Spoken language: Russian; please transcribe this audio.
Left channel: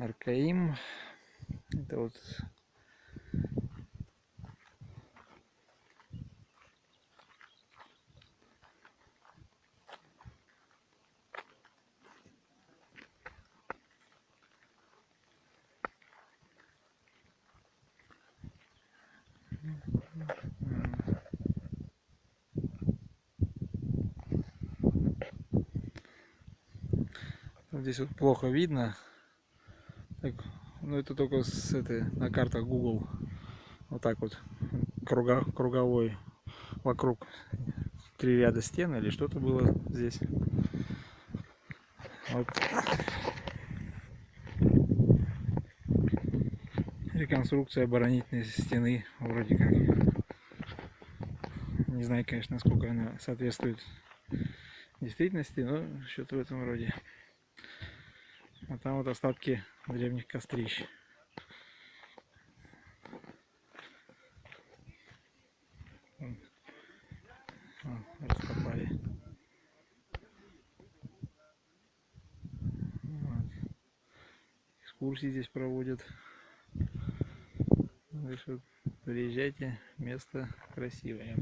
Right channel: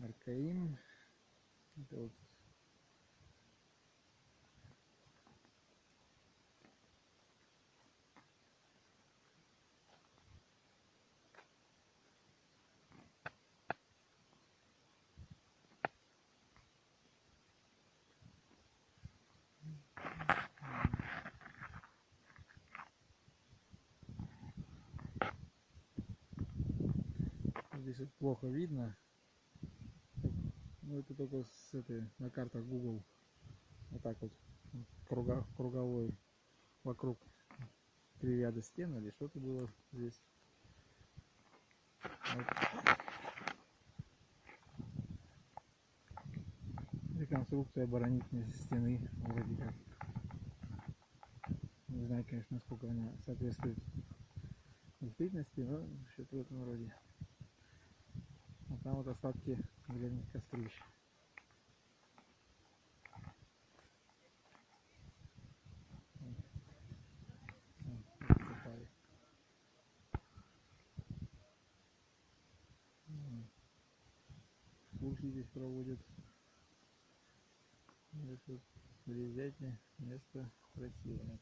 Аркаим. Это вот здесь вот плохо видно. Так, ну это только с этой на картах Google. Вот так вот круговой вокруг 3 ряда стен или что-то было здесь. Вот. Реконструкция оборонительной стены вроде как. Не знаю, конечно, насколько она соответствует действительности, но что-то в этом роде. А там вот остатки древних кострищ. Раскопали. Вот. Экскурсии здесь проводят. Так что приезжайте, место красивое.